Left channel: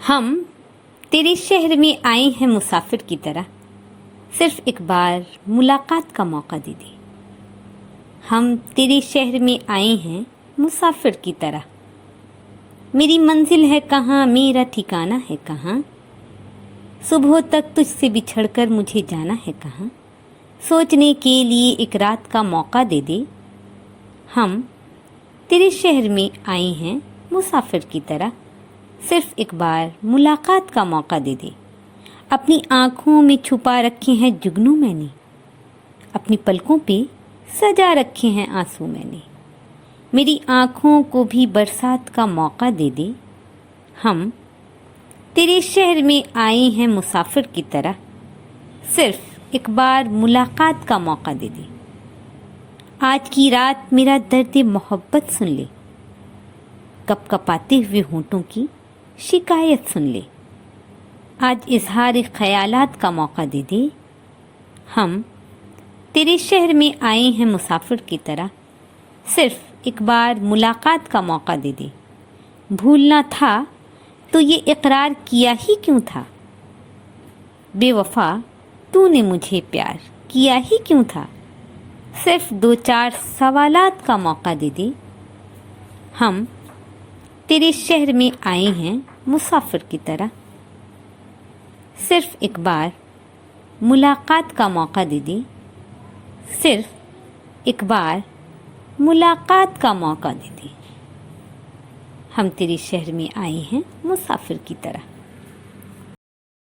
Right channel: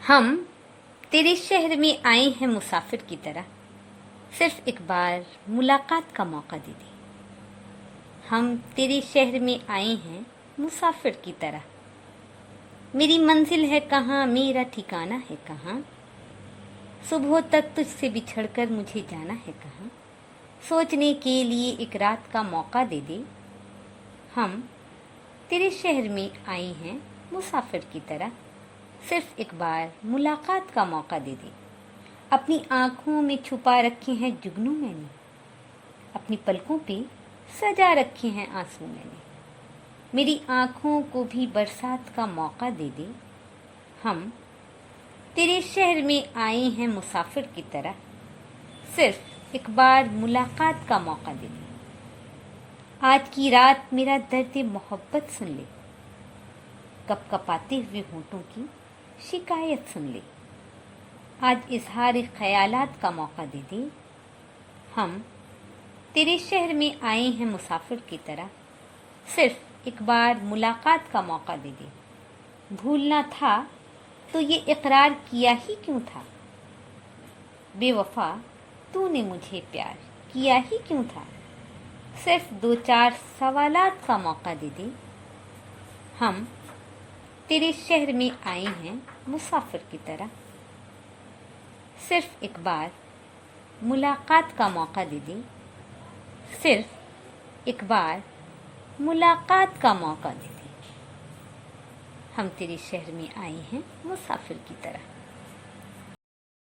ہم تیرے شہر میں آئے ہیں مسافر کی طرح، صرف ایک بار ملاقات کا موقع دے دے۔ ہم تیرے شہر میں آئے ہیں مسافر کی طرح، میری منزل ہے کہاں، میرا ٹھکانہ ہے کہاں، صبح تک تجھ سے بچھڑ کر مجھے جانا ہے کہاں، سوچنے کے لیے ایک رات کا موقع دے دے۔ ہم تیرے شہر میں آئے ہیں مسافر کی طرح، صرف ایک بار ملاقات کا موقع دے دے۔ اپنی آنکھوں میں چھپا رکھے ہیں جگنو میں نے، اپنی پلکوں پہ سجا رکھے ہیں آنسو میں نے، میری آنکھوں کو بھی برسات کا موقع دے دے۔ ہم تیرے شہر میں آئے ہیں مسافر کی طرح، صرف ایک بار ملاقات کا موقع دے دے۔ آج کی رات میرا درد محبت سن لے، کپ کپاتے ہوئے ہونٹوں کی شکایت سن لے، آج اظہار خیالات کا موقع دے دے۔ ہم تیرے شہر میں آئے ہیں مسافر کی طرح، صرف ایک بار ملاقات کا موقع دے دے۔ بھولنا تھا تو یہ اقرار کیا ہی کیوں تھا، بے وفا تو نے مجھے پیار کیا ہی کیوں تھا، صرف 2-4 سوالات کا موقع دے دے۔ ہم تیرے شہر میں آئے ہیں مسافر کی طرح، صرف ایک بار ملاقات کا موقع دے دے، صرف ایک بار ملاقات کا موقع دے دے۔ ہم تیرے شہر میں آئے ہیں مسافر کی طرح۔